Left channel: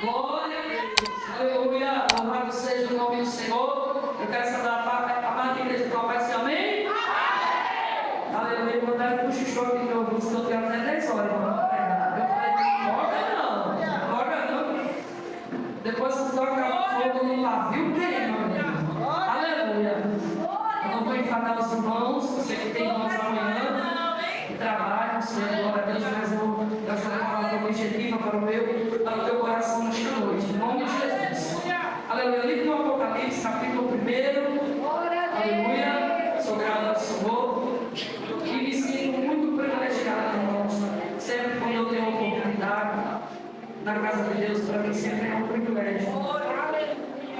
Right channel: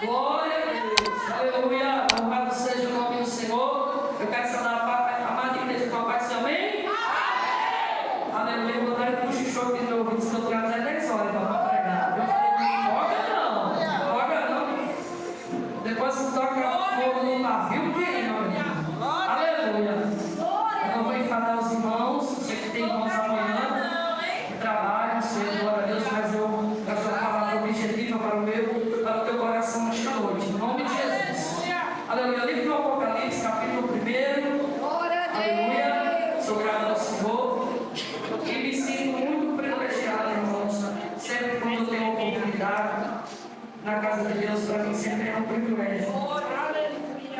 Glória a Deus. Aleluia. Louvado seja o nome do Senhor. Eu quero saudar a madrinha de tua paz. Amém? Amém. Aleluia. Eu vou dar um cochichou aqui no ouvido, estou tirando até 10 horas. Então, eu falei, joga não. Depois que toca fogo no pavio, queima. Aleluia. Eu não vou enfadar os irmãos. Você que tem irmãos amanhã, que trabalham, Senhor, glória a Deus, mas eu quero falar a palavra objetiva para o teu coração nesta noite. Em nome de Jesus. Aleluia. Livro do Apocalipse, capítulo 1. Aleluia. Sou grato ao Senhor. E me sinto muito privilegiado, irmãos. Sempre quando eu tenho a oportunidade na casa de Deus, para mim sempre é um privilégio.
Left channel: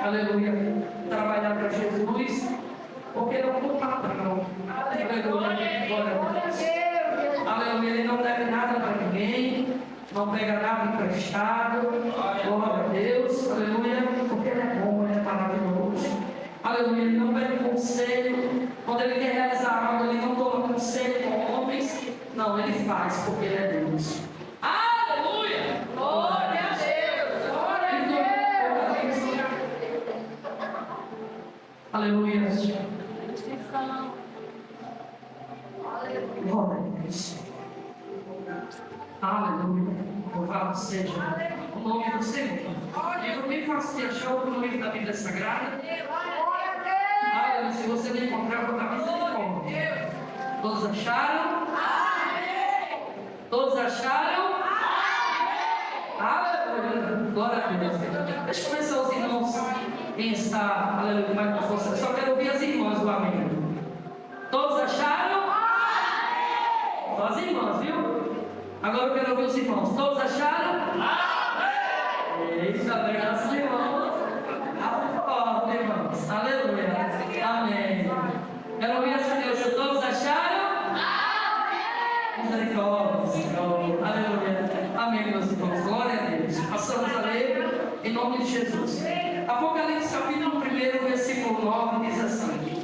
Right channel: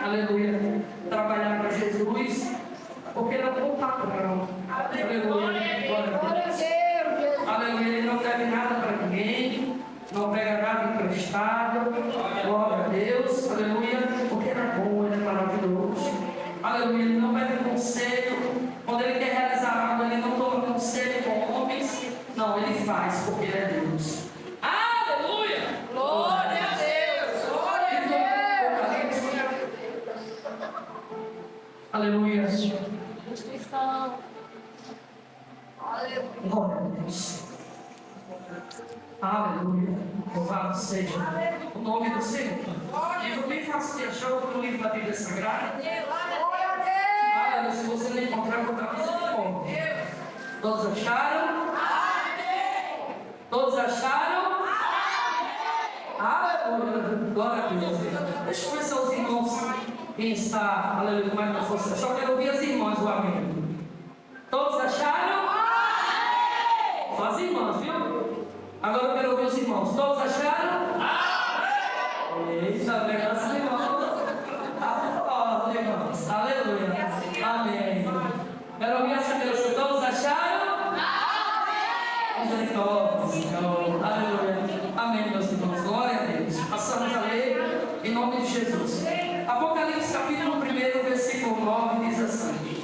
Aleluia. Trabalhar para Jesus, porque ele é um bom patrão. Aleluia. Glória a Deus. Aleluia. Ele não deve nada para ninguém, não pega nada emprestado. Glória a Deus. Aleluia. Porque ele é bom, ele é maravilhoso. Aleluia. Ele não pede conselho. Quando ele quer realizar algo, ele não toma conselho com homens. Não, ele faz, porque ele é Deus. Aleluia. Glória a Deus. Glória a Deus. Aleluia. Glória a Deus. Aleluia. Louvado seja o nome do Senhor. Livro bem fácil de achar o livro da Bíblia Sagrada. Se você não encontrar, eu vou dar misericórdia. Todos acharam? Todos acharam? Aleluia. Glória a Deus. Deixa eu conhecer os irmãos. Quem está, aleluia, com mais força. Só quero ouvir as irmãs, o amém. Todos acharam? Só as irmãs, viu? Agora eu quero ouvir os irmãos. Todos acharam? Eita, graças a Deus. Irmãos. Aleluia. Amém. Quero ouvir essa Deus. Todos acharam? Misericórdia. Aleluia. Amém, meus irmãos. Glória a Deus. Passamos a ler em nome de Jesus. Apocalipse capítulo 1, versículo 9 diz assim:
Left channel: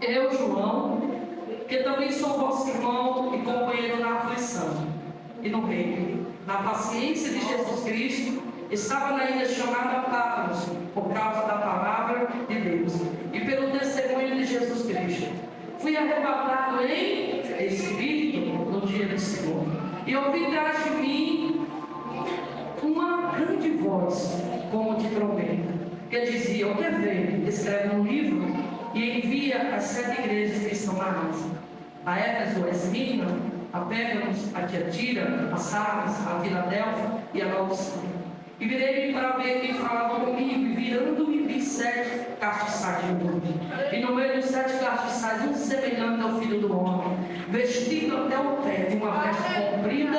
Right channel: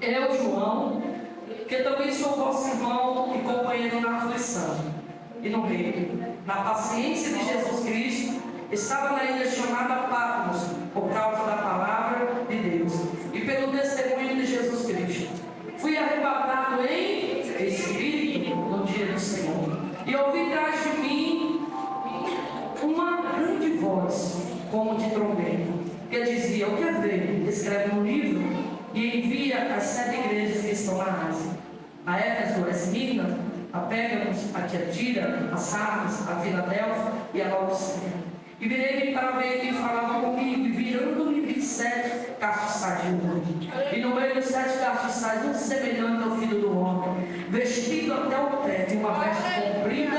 Eu, João, que também sou vosso irmão e companheiro na aflição e no reino, na paciência de Jesus Cristo, estava na ilha chamada Patmos, por causa da palavra de Deus e pelo testemunho de Jesus Cristo. Fui arrebatado em espírito no dia do Senhor, e ouvi atrás de mim uma grande voz, como de trombeta, que dizia: O que vê? Escreve um livro e envia às 7 igrejas que estão na Ásia: a Éfeso, a Esmirna, a Pérgamos, a Tiatira, a Sardes, a Filadélfia e a Laodiceia. E virei-me para ver quem falava comigo, e virando-me vi 7 castiçais de ouro. E no meio dos 7 castiçais, um semelhante ao Filho do Homem, vestido até o pé de uma veste comprida,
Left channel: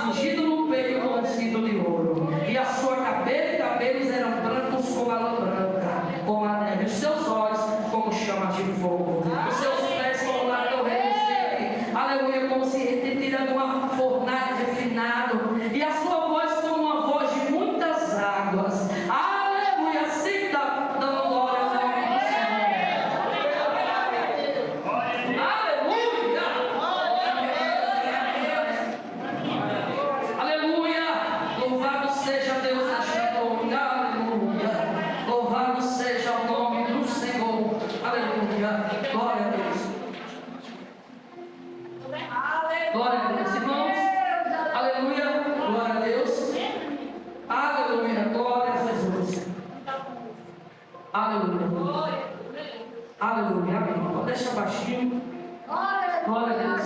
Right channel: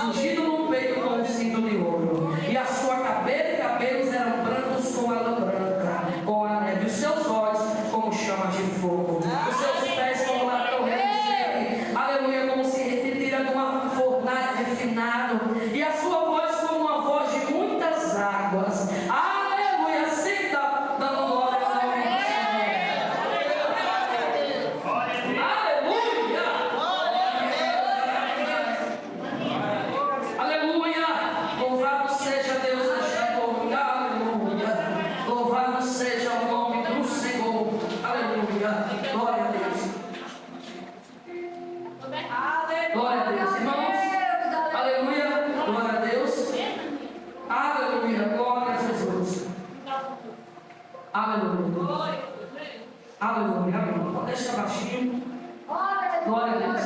cingido no peito com um cinto de ouro. E a sua cabeça e cabelos eram brancos como a lã branca, com a neve, os seus olhos como chamas de fogo, os seus pés como a torre de gelo. Aleluia, como se retira de uma fornalha refinado, e a sua voz como uma voz de muitas águas. Aleluia, sempre dando glória ao nome do Senhor. Aleluia. Aleluia. Louvado seja Deus nesta noite. Aleluia. Louvado seja o nome do Senhor. Aleluia. Glória a Deus. Glória a Deus, irmãos. Aleluia. Glória a Deus. Aleluia. Glória a Jesus. Aleluia. Aleluia. Amém. Pode deixar baixinho. Glória a Deus.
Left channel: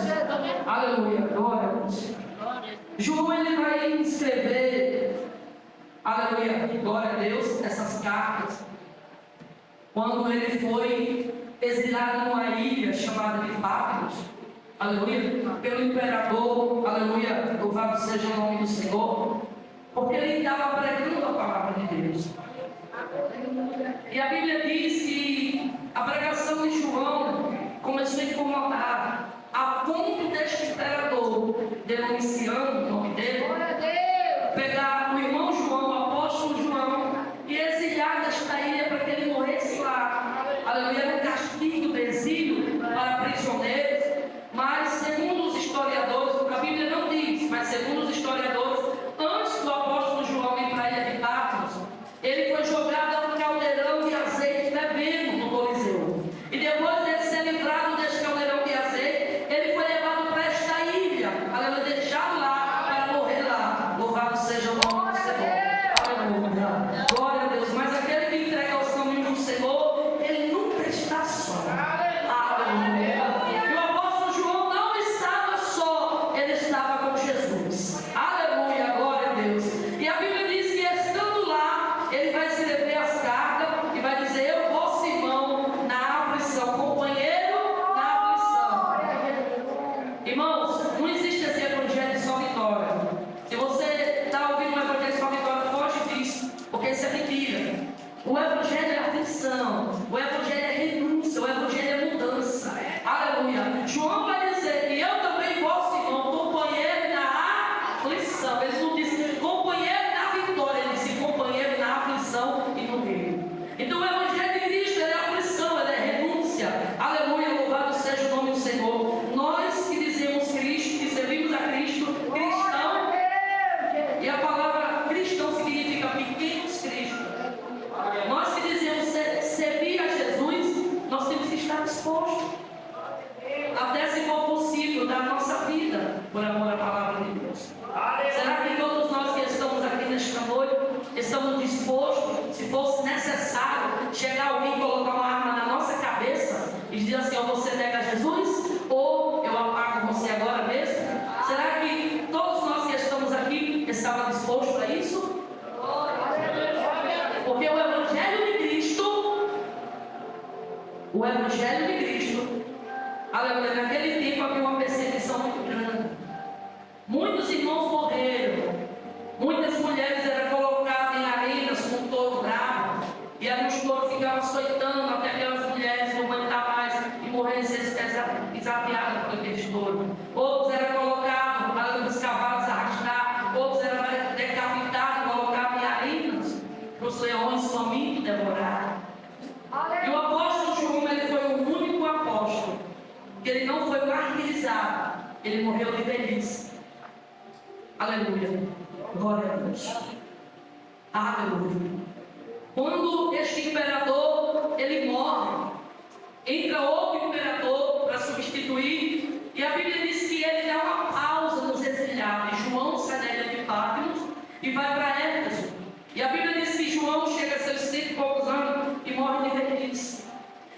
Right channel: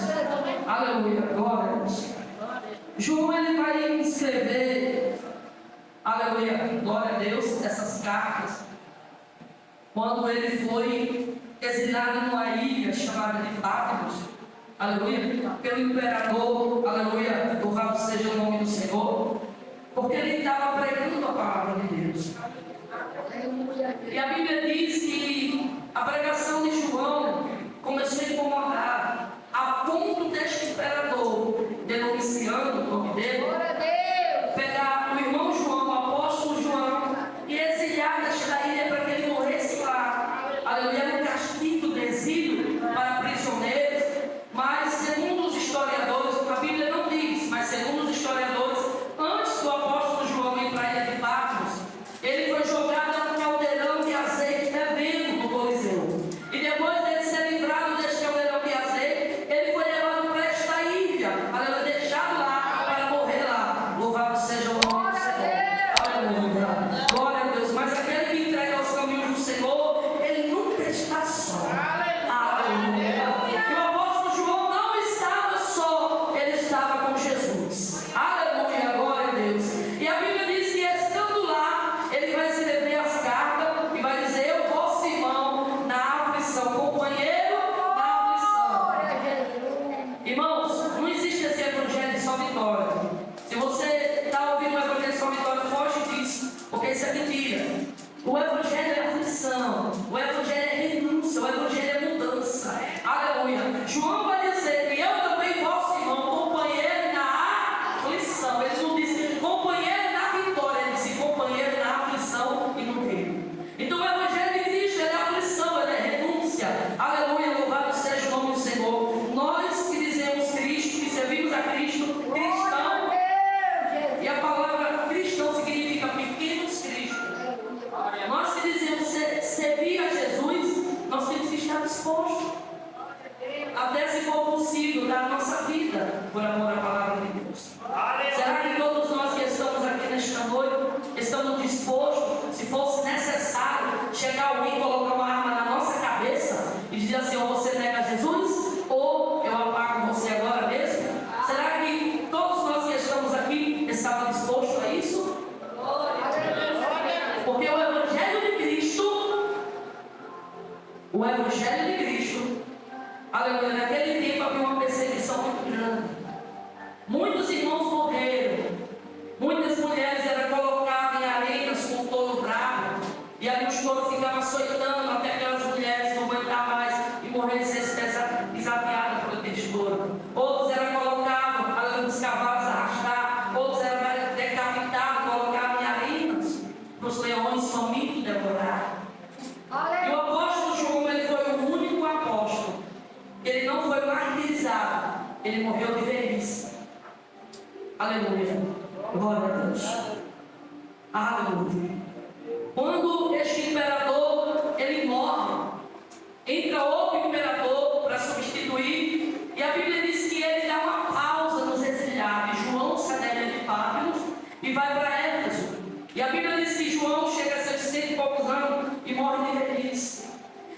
Aleluia. Glória a Deus. João, ele vai escrever, aleluia, glória a Deus, essas cartas, quando ele foi exilado numa ilha chamada de Patmos, aleluia, pelo imperador, aleluia, louvado seja o nome do Senhor, porque ele estava pregando a palavra de Deus. E a Bíblia diz que a pregação de João começou a incomodar, a ponto deste imperador, Domiciano, o nome dele, pegar o irmão João, o apóstolo João, e exiliar desta ilha para que ele morresse lá. Aleluia, no castigo do exílio para prisioneiros. Mas segundo os historiadores, a Bíblia não diz, mas segundo os historiadores, antes do apóstolo João ir para a ilha de aflição, o Evangelho é renúncia, o Evangelho é mudança. Aleluia. João vai dizer que eu também, vosso irmão, companheiro na aflição. Ele não disse companheiro na vitória, ele disse companheiro na aflição e no reino. Então o Evangelho de Cristo, ele é aflição, ele é renúncia. Aleluia, louvado seja o nome do Senhor. Nós que dizemos Cristo, que servimos a Cristo, cristão, e a palavra cristão significa pequenos Cristo. Nós que dizemos servir a Jesus, nós temos que estar dispostos, até se for possível, dar nossa vida por amor à palavra de Deus. Será que todos nós que estamos aqui nesta noite estamos dispostos, se fosse necessário, chegar alguém e colocar uma arma na nossa cabeça e dizer assim: ó, você nega Jesus ou eu apago você agora mesmo? Será que todos nós que estamos aqui estavam dispostos a isso? Porque o Evangelho de Cristo, aleluia, naquele tempo havia uma perseguição muito grande. Muitos irmãos morreram, muitas mulheres eram colocadas em arenas com touro bravo, e ali os touros ficavam açoitando até aquelas mulheres não aguentar mais e morrerem pisateadas por aqueles touros. Outros eram colocados, aleluia, os cavalos arrastar, outros eram decapitados, colocados em arenas para os leões famintos devorar. E o apóstolo João, ele foi o único apóstolo que ele não foi martirizado, ele morreu de velhice. Aleluia, glória a Deus. Aleluia. Quando este imperador ele morre, entra outro imperador para substituir, e a Bíblia diz que ele dá uma pausa nos exiliados. João sai da ilha de Patmos e vai para Éfeso. E a Bíblia diz que João chega a seus 100 e poucos anos e morre de velhice.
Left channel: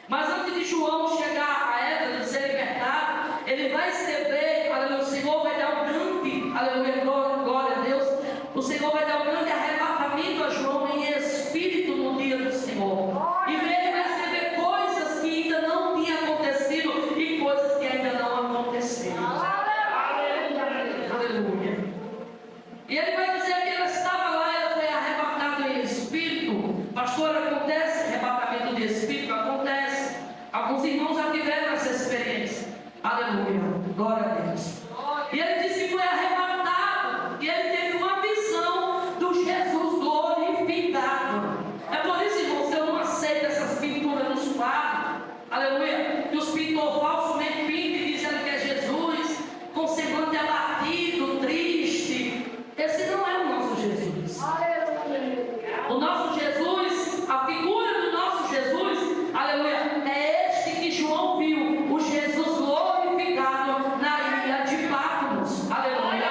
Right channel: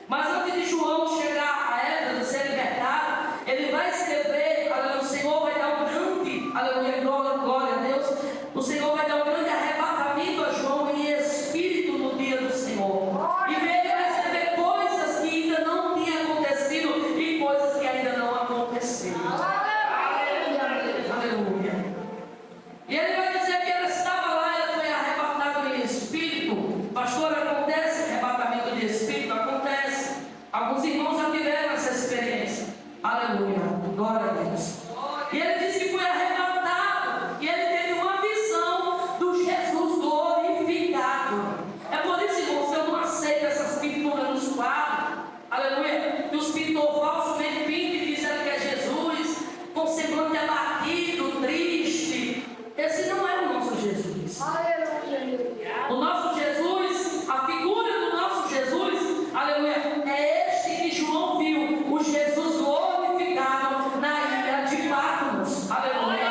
Mas antes de João chegar a Éfeso, ser libertado, ele vai escrever, aleluia, o Senhor vai dar um grande, aleluia, glória a Deus, o Senhor vai dar um grande arrebatamento a João em espírito no dia do Senhor. E ele vai escrever coisas que ainda não tinham acontecido e coisas que ainda não aconteceram. Aleluia. E ele vai dizer que ela estava lá, ela foi arrebatada em espírito. Pastor, acontece arrebatamento de espírito? Acontece. Alguns irmãos já tiveram essa experiência. Aleluia, glória a Deus. E ele disse que foi arrebatado e ele teve uma visão do Jesus glorificado. É por isso, irmãos, que eu não aceito essas pinturas nos quadros. Aleluia, que os pintores falsamente pintam e dizem que é Jesus com semblante abatido, triste. Esse não é o nosso Jesus. O nosso Jesus, a figura do nosso Jesus, aleluia, é este que João viu, o Jesus glorificado na ilha de Patmos. Aleluia.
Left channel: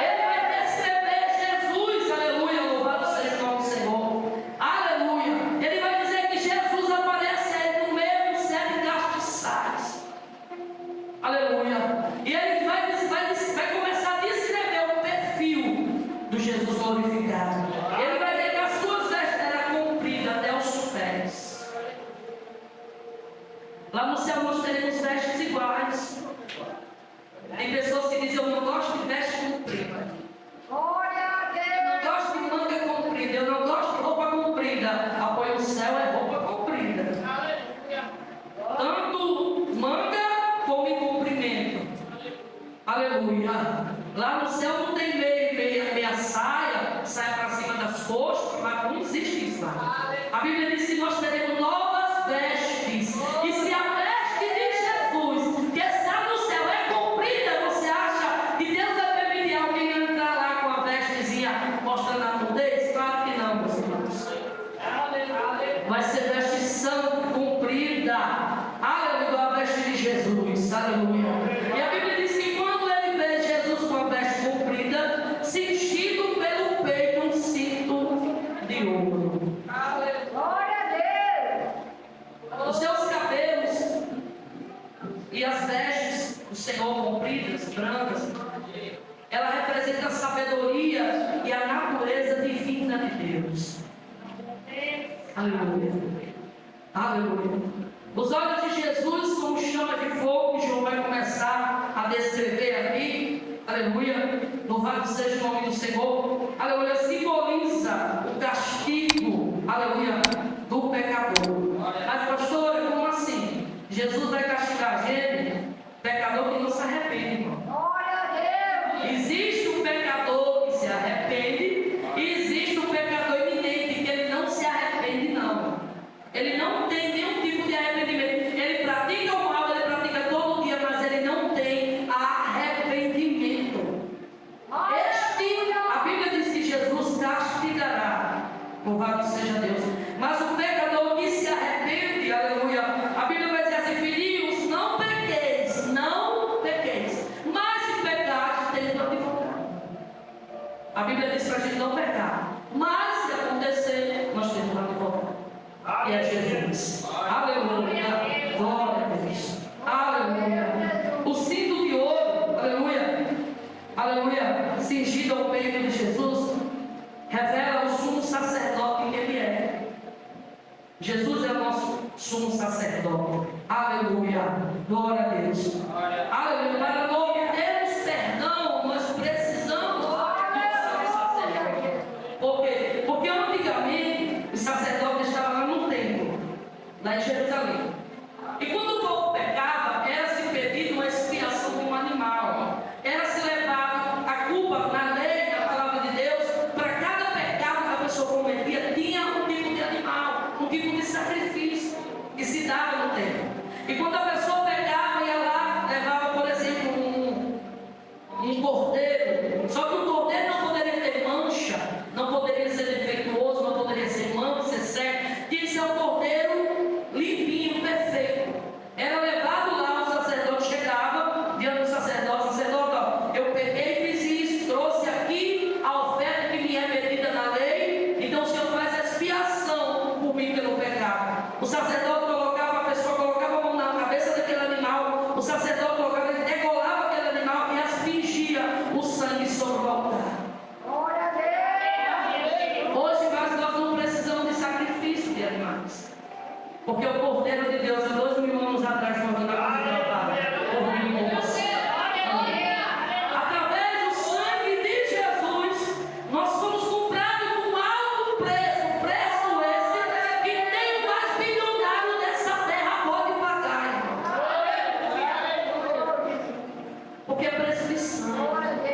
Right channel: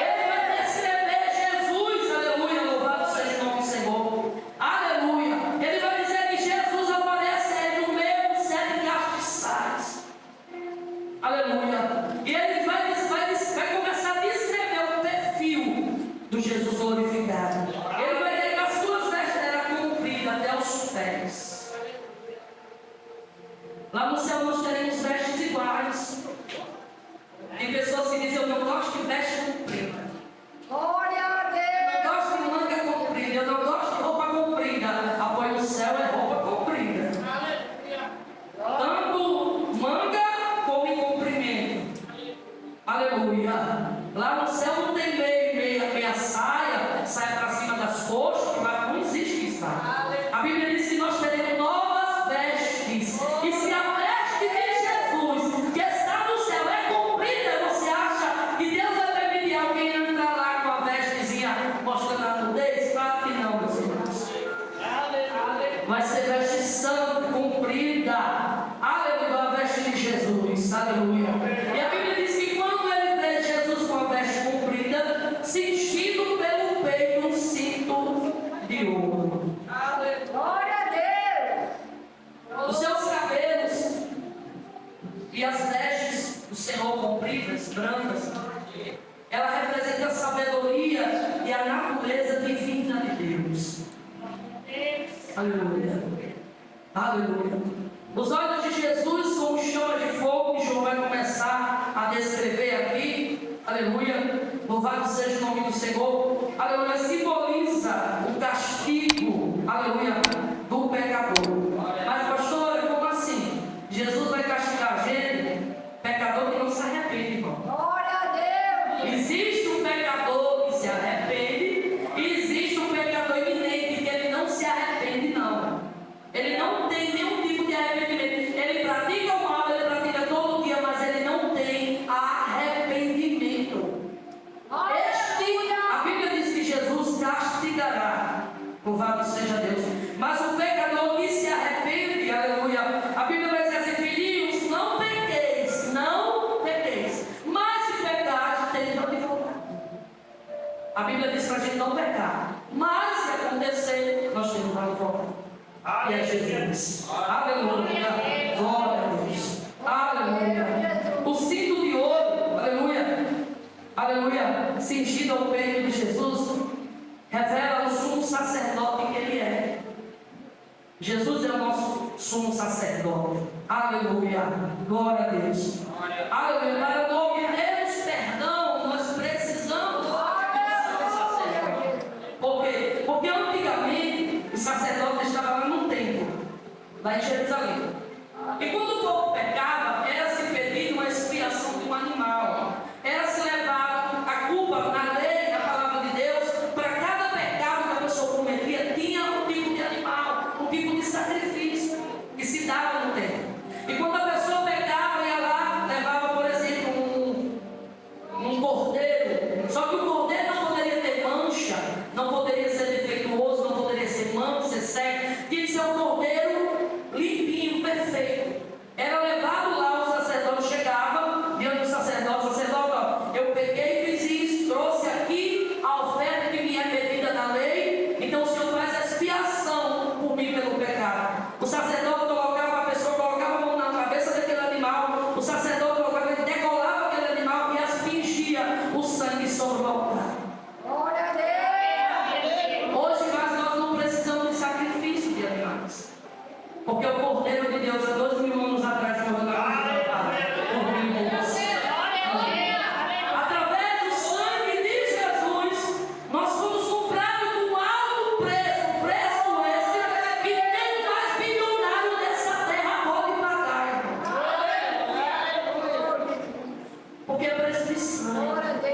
Ele vai descrever Jesus, aleluia, louvado seja o nome do Senhor. Aleluia. Ele vai dizer que Jesus aparece aí no meio dos 7 castiçais. Aleluia. E ele vai começar a descrever o perfil do Jesus glorificado. Ele vai dizer que as suas vestes eram compridas até os pés. Lá no céu nós teremos vestes iguais. Tem pessoas que dizem: eu não gosto de veste comprida. Glória a Eu não gosto de manga comprida. Eu não gosto de roupa comprida. Apoio o céu é roupa comprida. Tanto manga como em comprimento. Aleluia. Lá no céu não tem meia saia para cima das coxas, mas não existe isso lá. A Bíblia diz que nós teremos novas vestes. E se a veste de Jesus, que está no céu, é comprida, você acha que Deus vai permitir alguém entrar lá com a vestezinha mostrando a nudez? Claro que não, meus irmãos. Vai ser veste santa, comprida. Aleluia, a veste de Jesus. Aleluia. E a Bíblia diz que quando ele vê Jesus com a veste comprida, cingido pelo peito um cinto de ouro. Glória a Deus. Os seus cabelos e as vestes do Senhor compridas, brancas, ela representa a sabedoria e a natureza divina de Deus. Aleluia. Aleluia. Os olhos de Jesus como chama de fogo, que João vai começar a descrever aqui. Aleluia. Louvado seja o nome do Senhor. Aleluia. Simboliza o castigo, aleluia, do pecador. Louvado seja Deus. Mas o pecador que se arrepende, aleluia, a Bíblia vai dizer assim: filhinhos, não pequeis, não pequeis, mas se pecares, tem advogado. A Bíblia diz para a gente não pecar, mas se acontecer, nós temos um advogado, e é Jesus. Aleluia, glória a Deus, aleluia. O cinto de ouro, aleluia, aleluia, cingido ao peito de Jesus, revela o sumo sacerdote que ele é. Jesus é o nosso sumo sacerdote. Aleluia, glória a Deus. Aleluia, para obtermos perdão, nós precisamos do sumo sacerdote. Por quê? Porque antigamente o sacerdote estava lá no templo, lá em Jerusalém. E quando o povo pecava, era-se pedido uma expiação de um animal. Era-se levado a culpa na lei, na palavra de Deus. Para cada pecado que a pessoa cometia, tinha um tipo de animal, um tipo de sacrifício que se dava no templo. E quando a pessoa pecava, ia lá, levava, por exemplo, um cordeiro. Só que o cordeiro não poderia ter mancha, não poderia ser defeituoso, não poderia ser manso, ser cego. Tinha que ser um cordeiro limpinho, perfeito. Era levado lá, o sacerdote chegava diante do sacerdote, ó, eu peguei e fiz isso, trouxe aqui a oferta que me é pedida na lei, então o Senhor faz a expiação por mim pelo pecado. O sacerdote colocava, a pessoa colocava a mão na cabeça daquele animal, o sacerdote colocava, ele degolava aquele animal e aspergia o sangue sobre o altar. Glória a Deus. Hoje nós não precisamos de sacrifício de animais, porque o Cordeiro de Deus, há 2000 anos atrás, morreu na cruz do Calvário, por mim e por você. Através do sangue de Jesus, nós fomos comprados com alto preço, preço esse que nem o mais bilionário dessa terra pode pagar, irmãos. Porque é preço de sangue. Glória a Deus.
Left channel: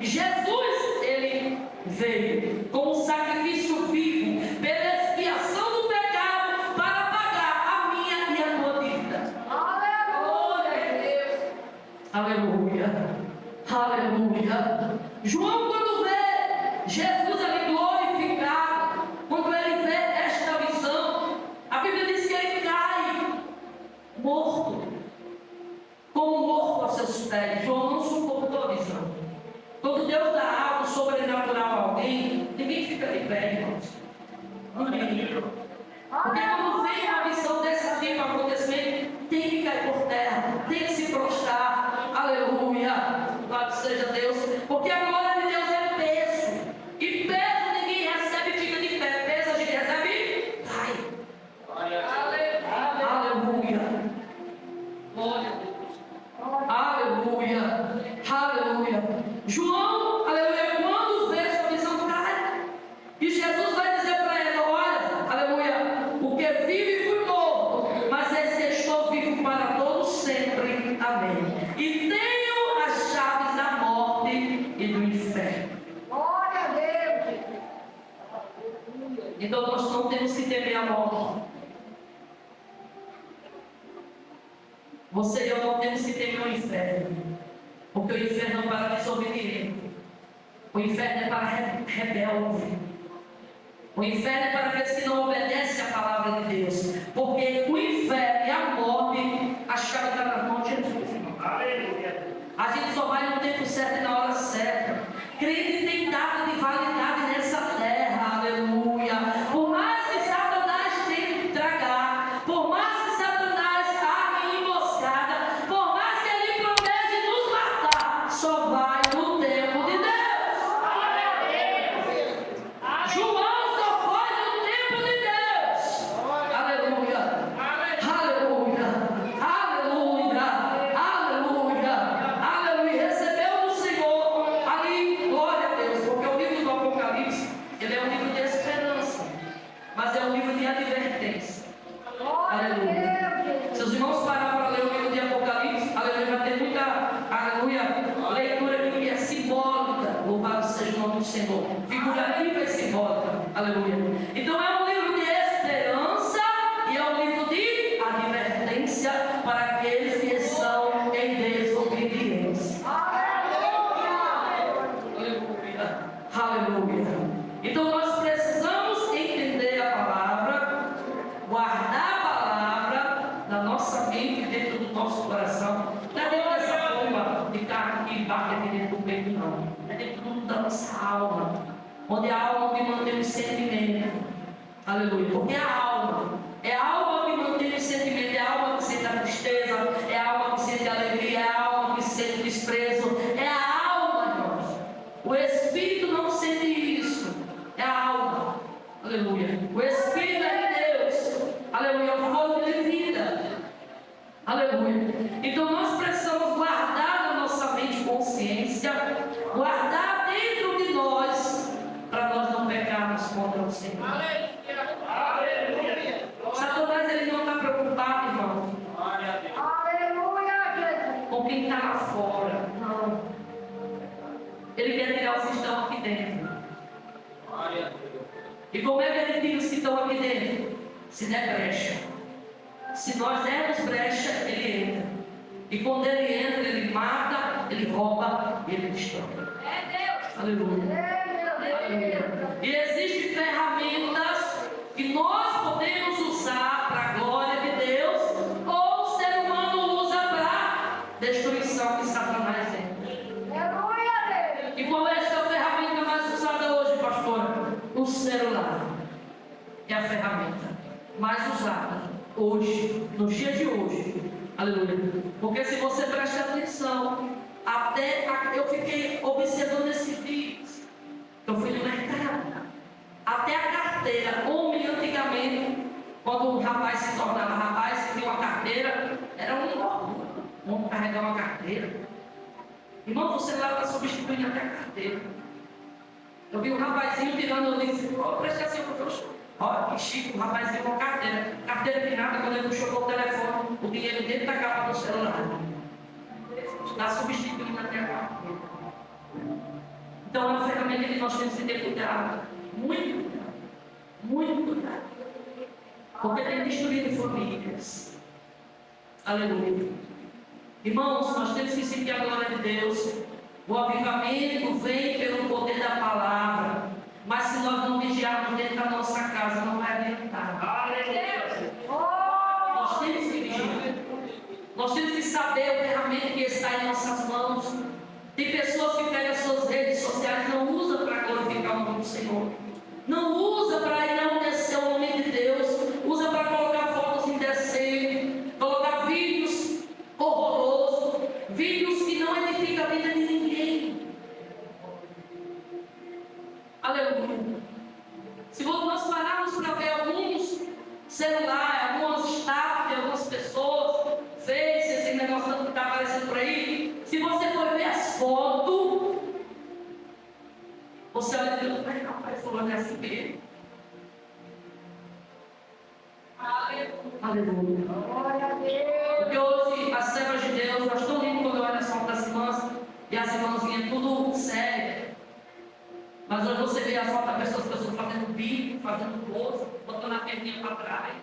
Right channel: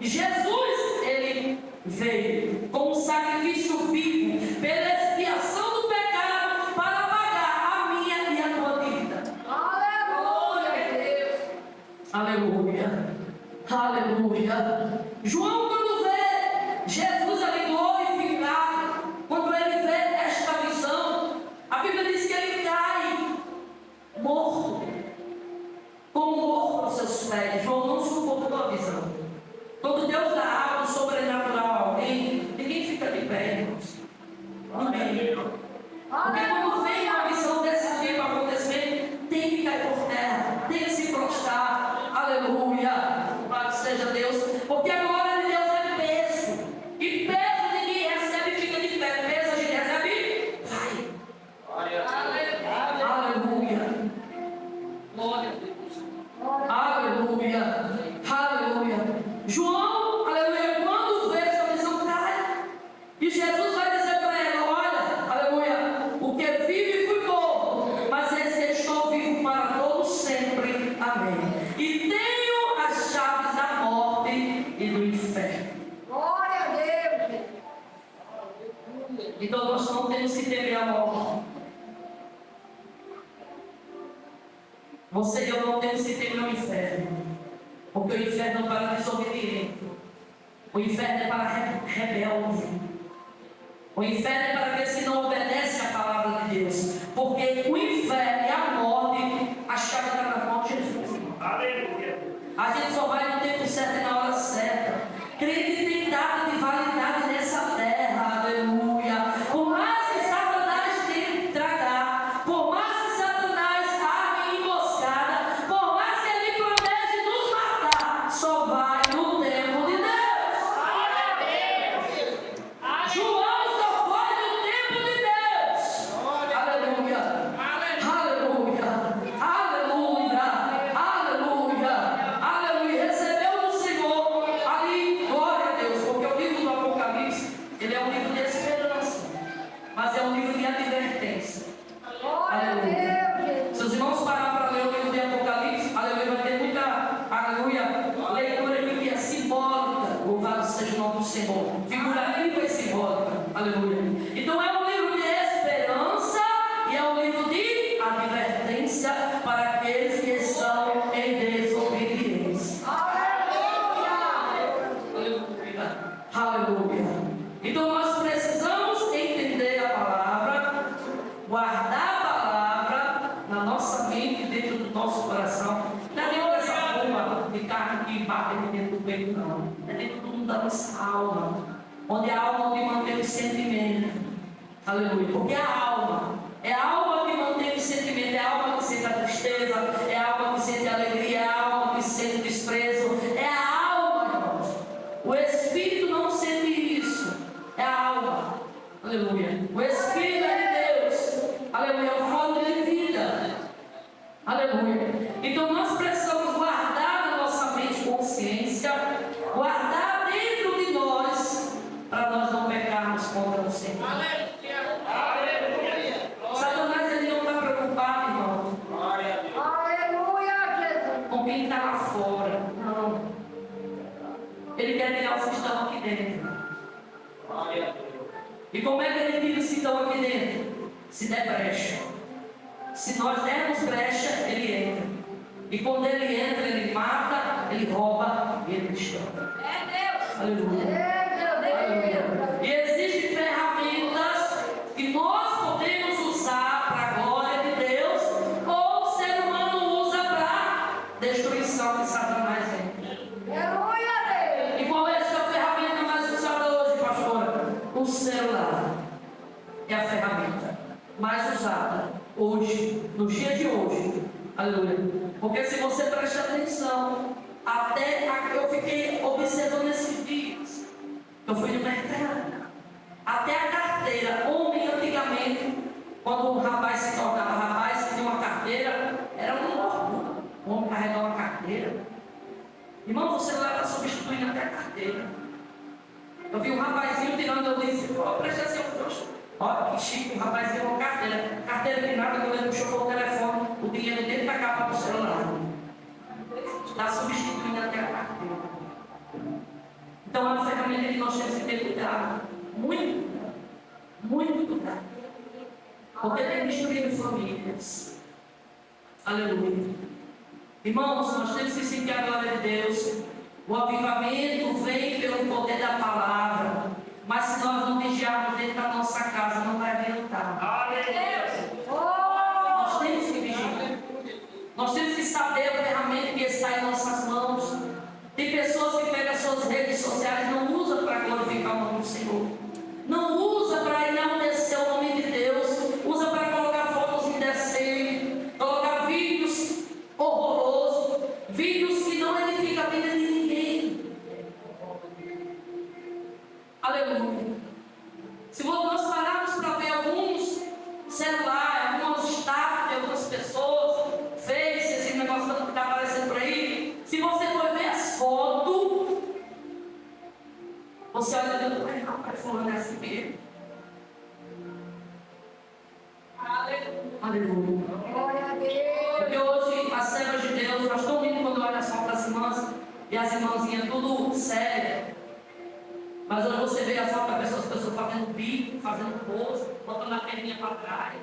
Jesus, ele veio como um sacrifício vivo, pela expiação do pecado, para pagar a minha e a tua dívida. Aleluia, Deus. Aleluia, aleluia. João, quando vê Jesus ali glorificado, quando ele vê esta visão, a Bíblia diz que ele cai morto, como morto aos seus pés. João não suportou a visão. Quando Deus dá algo sobrenatural a alguém, ninguém fica de pé, irmãos. Ninguém. Porque quando vem uma visão desse tipo acontecer, tem que cair por terra, tem que se prostrar. Aleluia, louvado seja Deus. Porque a glória de Deus é peso, e peso ninguém recebe e fica de pé. Peso a gente recebe e cai. Aleluia, glória a Deus. Aleluia, aleluia. João, aleluia, quando vê essa visão, cai. E Jesus vai dizer para ele: olha, aleluia, o que vive fui morto, mas esse estou vivo para todo sempre. Amém. E tenho as chaves da morte e do inferno. Glória a Deus. Então nós não temos que temer a morte. Você e eu não temos que temer o inferno. Porque o inferno é para desobediente. O inferno é para rebelde. O inferno é para aqueles que não obedecem à palavra de Deus. Porque o inferno e a morte, a chave está na mão de Jesus. Aleluia. A gente só vai no tempo certo e na hora certa. Crente tem data de validade nessa terra. Aleluia. Por mais que Satanás tente tragar, por mais que Satanás arme emboscada, por mais que ele promete nos matar, só vai no tempo de Deus. João só foi no tempo de Deus. Aleluia. Aleluia. Aleluia. Aleluia. Aleluia. Recebeu do Senhor ali, glória a Deus, porque o livro do Apocalipse, ele é um livro de esperança, mas é um livro de advertência. Glória a Deus. Se os irmãos parar para ler o livro de Apocalipse, aleluia, vai ter muita, aleluia, leitura aqui que é simbólica. Louvado seja o nome do Senhor. Figurativa e simbólica. Aleluia. Então é um livro de esperança e é um livro de advertência para aqueles que estão em desobediência. Aleluia. Aleluia. Aleluia. Então nós precisamos nossa alma, onde a alma que mantém o sentimento. Aleluia. Porque a alma é a alma que mantém o sentimento, é a alma que sente a tristeza, é a alma que sente a alegria, é a alma que sente o desprezo, é a alma, irmãos. O espírito não sente isso, é a alma. Aleluia. O espírito é de Deus. Aleluia. É o fogo de vida. Aleluia. Então nós precisamos guardar na nossa mente consciência, guardar dentro de nós, para nós não pecarmos contra o Senhor. Aleluia. Satanás, ele não está preocupado, irmão, com quem está lá fora. Não. Ele quer tirar os que estão aqui dentro. E como é que ele tira os que estão aqui dentro? Se der brecha. Se nós dermos brecha, ele entra. E quando ele entra, ele mata, ele rouba e ele destrói. Aleluia. Aleluia. E existem ferramentas que nós podemos usar para a glória de Deus, ou o ser humano usa para destruição de Satanás. E qual é essa ferramenta mais usada hoje, pastora? O celular é a ferramenta mais usada hoje, no dia de hoje. Aleluia. Porque se você presta atenção, eu fiquei observando esses dias. Eu fui no mercado. Até a carteira, homem antigamente, quando um rapaz se tornava rapaz, se tinha uma carteira, era um orgulho. O homem carregar uma carteira. Irmão, o celular está substituindo até a carteira. Eu vi um rapazinho tirando, eu disse, presta atenção, olha que chique, um rapazinho com uma carteira. Carteira de nada, quando ele puxou o telefone, o dinheiro dentro da capa do celular. Está substituindo até a carteira. Então é uma ferramenta que nós temos que ter cuidado. Muito cuidado. Muito cuidado. Porque tem destruído famílias. Aleluia. Irmãos, nós temos que sentir a glória de Deus. O avivamento vem pelo poder da palavra. Mas se nós não vigiarmos dentro da nossa casa, não vai adiantar. Nós temos que vigiar. Nós temos que saber a ferramenta que está em nossas mãos. Tem pessoas que pegam as suas redes sociais e não usam para glorificar o nome do Senhor. Não usa para enaltecer o nome de Deus. Usa para colocar fotos indecentes, colocar vídeos horrorosos, vídeos que não edificam a vida de ninguém. Aleluia. Se nós pararmos para ver alguns celulares, algumas estátuas de algumas pessoas, Face, esse negócio que está aparecendo por aí, se você for ver as fotos, você olha e diz, rapaz, fulano é assim mesmo. Aleluia. Glória a Deus. Porque hoje as servas de Deus, nós estamos lindo quando olha as fotos das irmãs e as irmãzinhas tudo sério. Mas hoje você vê as fotos das pessoas fazendo bico, fazendo pose, botando a perninha para trás.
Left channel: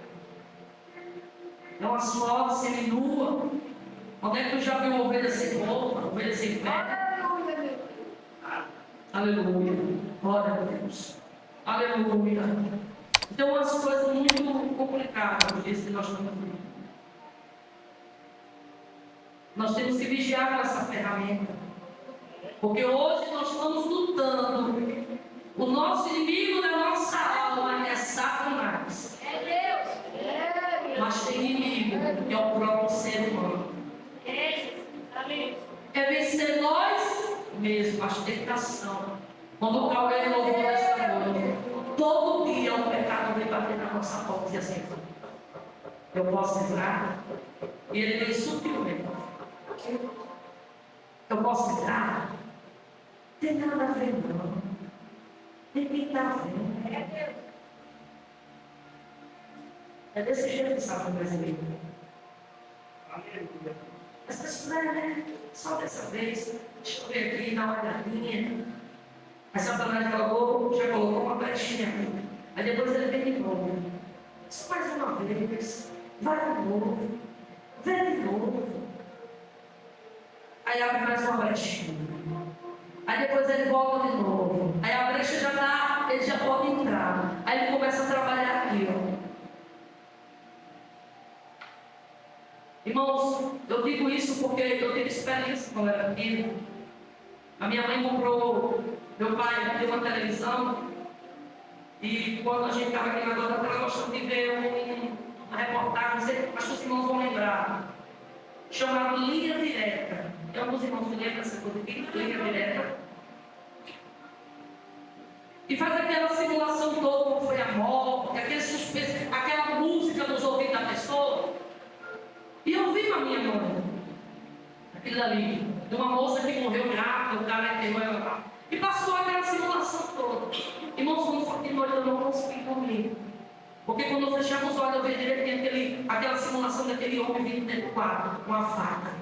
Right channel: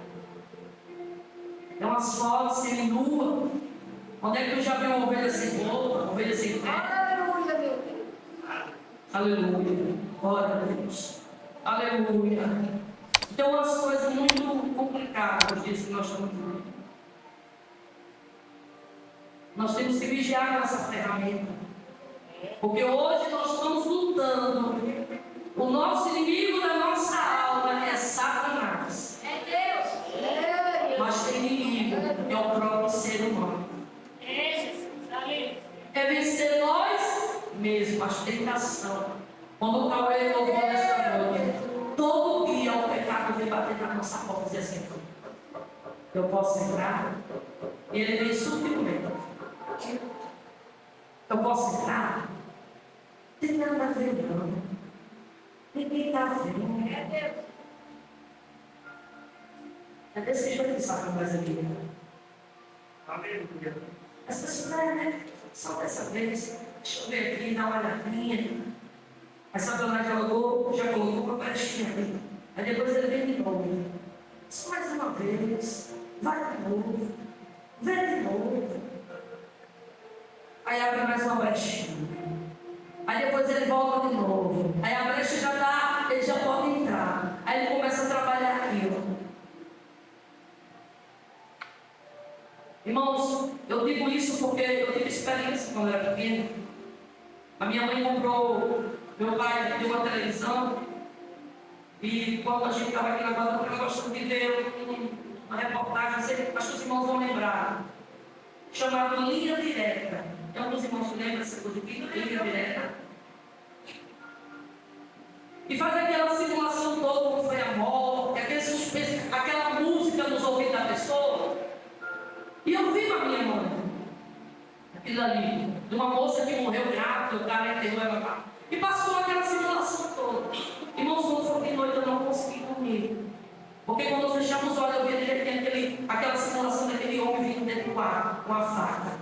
É uma foto seminua. Onde é que tu já viu uma ovelha sem roupa, ovelha sem pé? Aleluia, meu Deus. Aleluia. Glória a Deus. Aleluia. Então, umas coisas muito complicadas nos dias que nós estamos vivendo. Nós temos que vigiar essa ferramenta. Porque hoje nós estamos lutando. O nosso inimigo da nossa alma é Satanás. É Deus. Mas tem inimigo, que é o próprio ser humano. É vencer nós mesmos, a tentação. Quando o Cauê louvou esta noite, todo dia o pecado vem bater na nossa porta e dizer assim, eu posso entrar? E ele vem sutilmente. Eu posso entrar? Não tem nada a ver, não. Ninguém está vendo. É Deus. É desse jeito que Satanás é vivo. Aleluia. As pessoas, né? Só dessa vez, deixa eu ver aqui, dá uma olhadinha. Aí Satanás já colocou uma brechinha ali. Aí depois ele vem de novo. Só mais uma vez. Vai de novo. Vem de novo. Aí abre mais uma brechinha. Aí depois ele volta de novo. Aí a brecha já está, ele já pode entrar. Aí ele começa a trabalhar aqui, ó. Irmãos, eu digo isso porque eu tive experiência quando eu era pequeno. A minha mãe comprou Meu pai tem uma televisão e quando a gente estava aqui na Guarda, eu gostava de ver uma reportagem, acho que os irmãos vão lembrar, chamado Linha Direta. Tem alguns irmãos que lembram dessa coisa aqui, Linha Direta. E faz aquela simulação toda, como foi a morte, aquele suspense, aquela música nos ouvidos da pessoa. E eu vi na minha mãe, aquilo ali, de uma moça que morreu grávida, o cara enterrou ela lá. E passou aquela simulação toda. Irmãos, quando foi de noite eu não consegui dormir. Porque quando eu fechava os olhos eu vi direito aquela simulação daquele homem vindo dentro do quarto, com uma faca.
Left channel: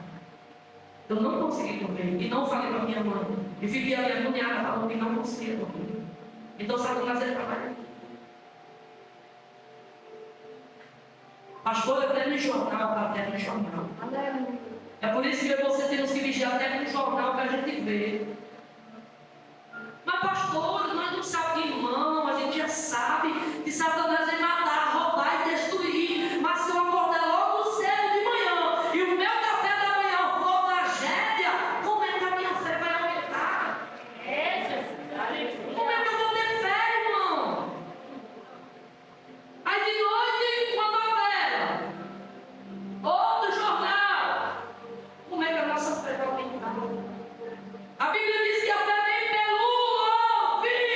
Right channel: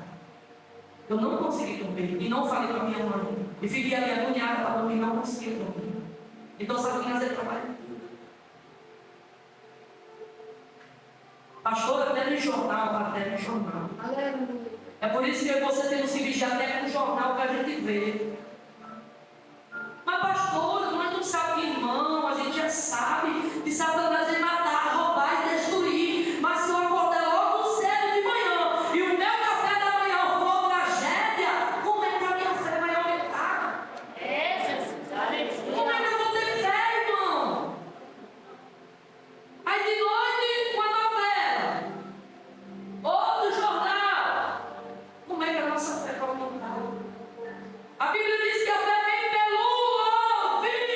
Eu não consegui dormir. E não falei para minha mãe. E fiquei ali agoniada para dormir e não conseguia dormir. Então Satanás ele trabalha. Pastor, até no jornal, até no jornal. É por isso que você temos que vigiar até no jornal que a gente vê. Mas pastor, nós não sabemos, irmão, a gente já sabe que Satanás vai matar, roubar e destruir. Mas se eu acordar logo cedo de manhã e o meu café da manhã for tragédia, como é que a minha fé vai aumentar? Como é que eu vou ter fé, irmão? Aí de noite, uma novela, ou no jornal, como é que a nossa fé vai aumentar? A Bíblia diz que a fé vem pelo ouvir.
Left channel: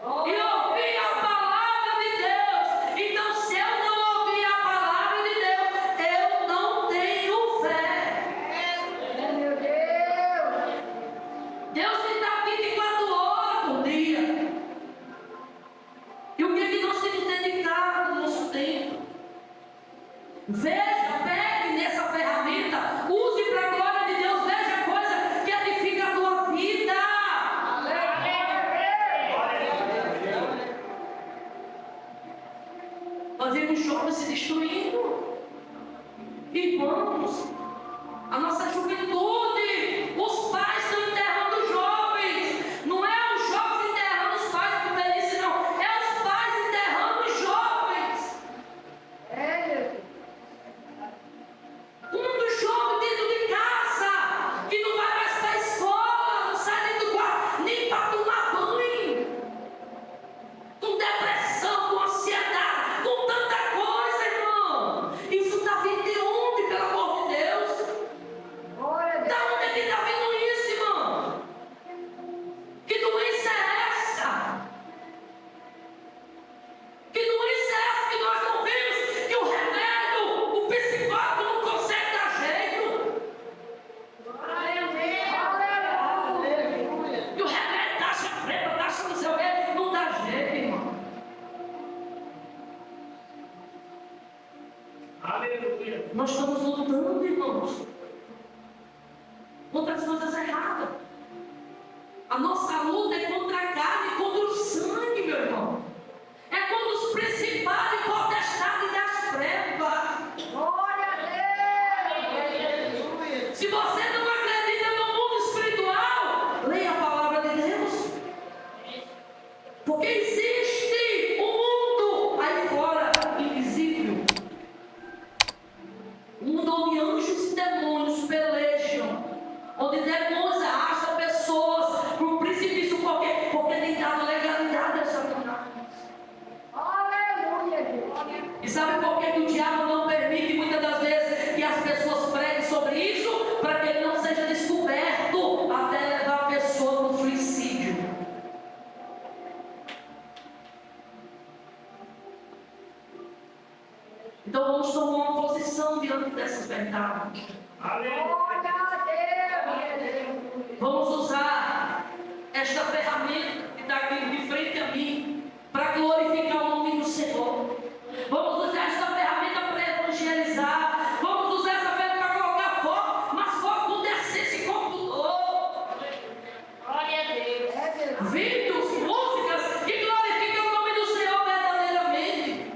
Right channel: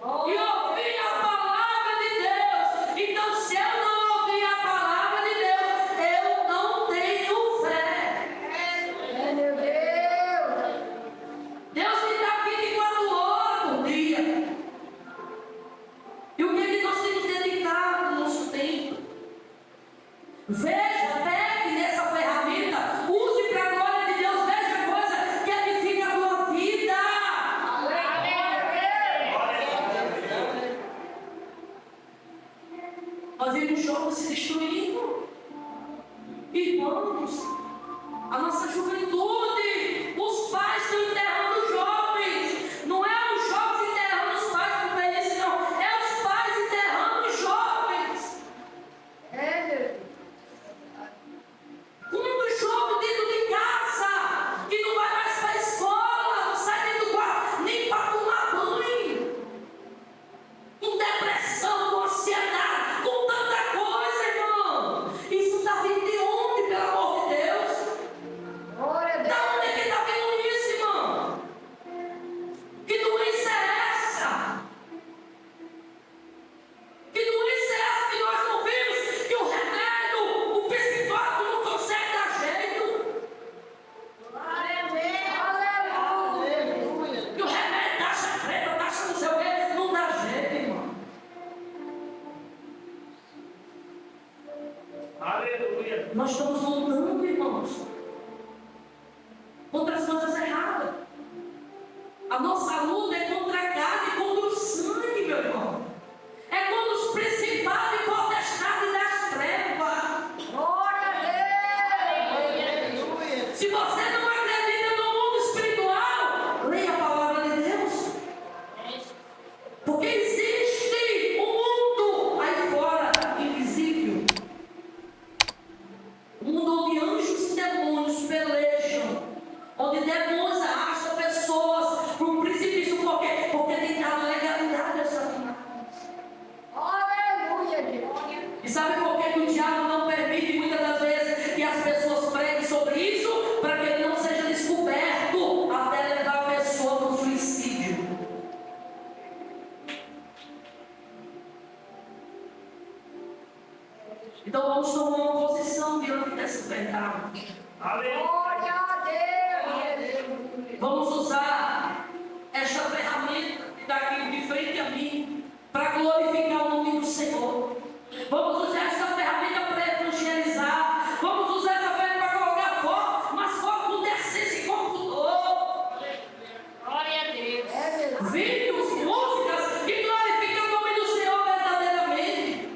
E ouvir a palavra de Deus. Então, se eu não ouvir a palavra de Deus, eu não tenho fé. Meu Deus. Deus me dá 24 horas por dia. E o que é que nós temos dedicado no nosso tempo? Veja, pegue nessa ferramenta, use para a glória de Deus, veja a coisa que edifica a tua vida. Nós vemos jovens se destruindo. Irmãos, a nossa juventude, os pais estão enterrando os jovens. Não é os jovens enterrando os pais por velhice, não. É os pais enterrando os jovens. Quantos jovens dentro de casa que não vai mais para a escola, não sai dentro do quarto, nem para tomar banho, com depressão, com ansiedade, com tanta coisa, irmão. Isso está vindo de onde, pelo amor de Deus? Glória a Deus. Da onde é que está vindo isso, irmão? Que doença é essa? Que doença é essa que nós não vimos? Que o remédio, o psicólogo não consegue dar jeito. E o remédio taxa preta, taxa não sei o quê, não dá jeito, irmão. Aleluia. Nós estamos lutando, irmãos, contra as coisas erradas. A nossa luta é contra a carne e contra o sangue, meu irmão. É contra os principais e potestades das trevas. Glória a Deus. Se você não acredita no mundo espiritual, leia a palavra de Deus. Porque existe um mundo aí fora invisível. Um mundo onde anjos e demônios pelejam. Onde demônios arrastam pessoas para o precipício. Por quê? Porque tem dado legalidade ao Satanás. Aleluia, Deus. E sabe por que o diabo não permite muitas das vezes que as pessoas preguem sobre isso? Para que ele não seja descoberto até levar a pessoa ao suicídio. Então vamos tomar uma posição diante dessas verdades. Aleluia. Glória a Deus. Vamos usar esta ferramenta que está aqui de frente a mim para glorificar o nome do Senhor. Vamos usar esta ferramenta para evangelizar. Vamos usar essa ferramenta para colocar foco, mas foco no decência e computador. Vídeos, músicas que glorificam o nome do Senhor verdadeiramente.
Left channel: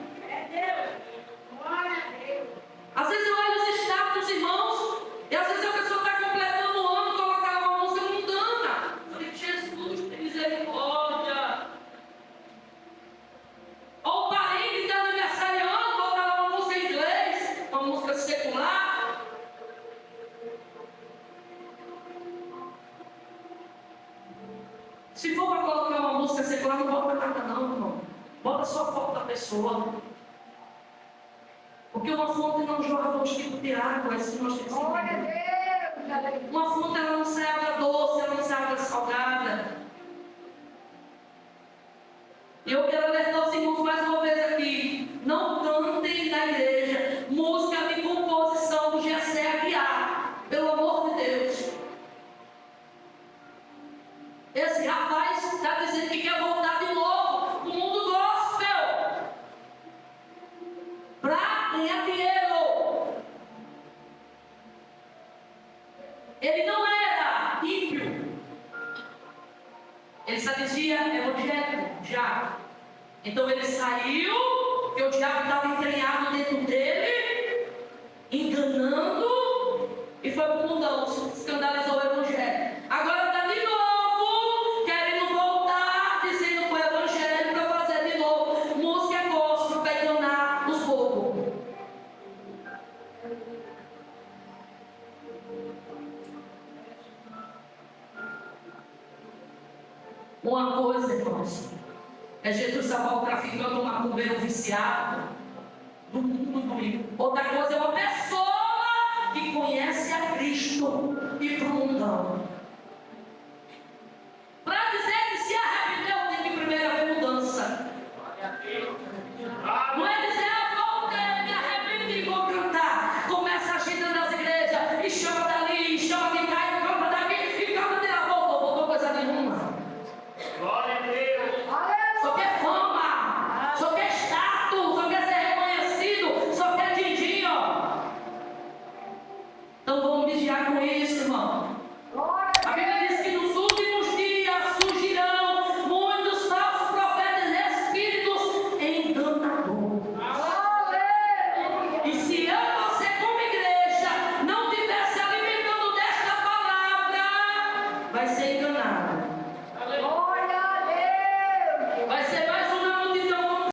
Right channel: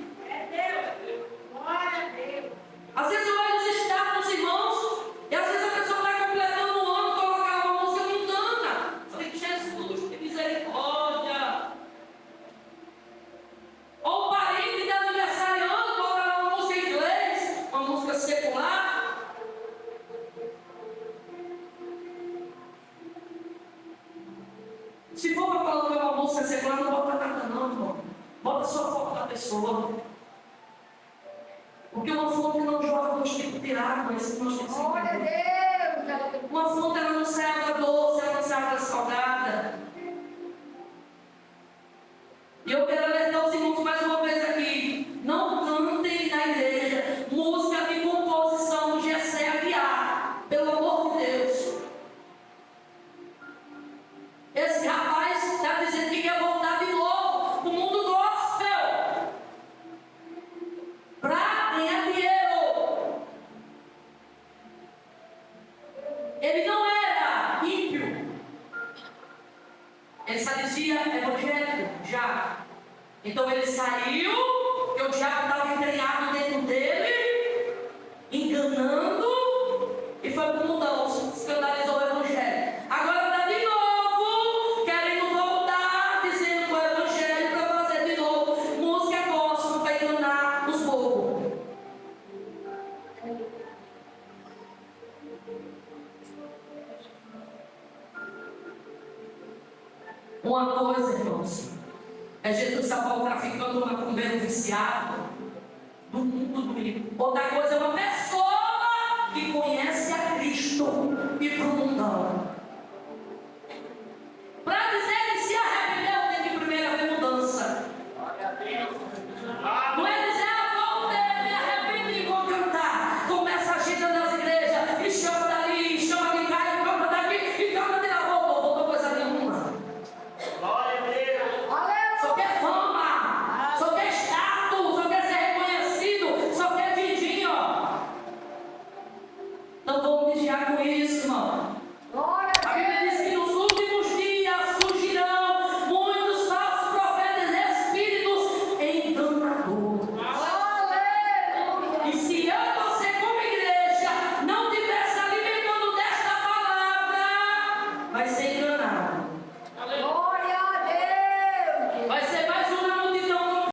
Às vezes eu olho os estados dos irmãos e às vezes a pessoa está completando o ano e colocar uma música mundana. Eu falei, Jesus, tem misericórdia. só foco da pessoa. Porque uma fonte não jorra dois tipos de água, assim nós temos que Glória a entender. Deus, aleluia. Uma fonte ela não sai água doce, ela não sai água salgada. E eu quero alertar os irmãos mais uma vez aqui. Não cantem na igreja música de composição do Gessé Aguiar. Pelo amor de Deus. Esse rapaz está dizendo que quer voltar de novo para o mundo gospel. Para ganhar dinheiro. Ele não era ímpio. Ele só dizia evangélico, já. Então ele saiu, porque o diabo estava entranhado dentro dele, enganando, e foi para o mundão, escandalizou o evangelho. Agora está de novo, querendo voltar, dizendo que o evangelho para fazer de novo música gospel para enganar os povos. Uma coisa, irmãos, é Jesus salvar o traficante ou macumbeiro viciado do mundo do rico. Outra coisa é uma pessoa que conhece a Cristo e para o mundão. Para dizer que se arrependeu, tem que primeiro haver mudança. Não é dizer, eu voltei, me arrependi, vou cantar. Começa a agitar nas igrejas, e chama dali, e chama de cá, e canta daqui, e canta de lá, voltou coisa nenhuma. Glória a Deus. Aleluia. Só quer fama, só quer status, só quer ser reconhecido, só quer din-din, ó. Então vamos vigiar com isso, irmão. Glória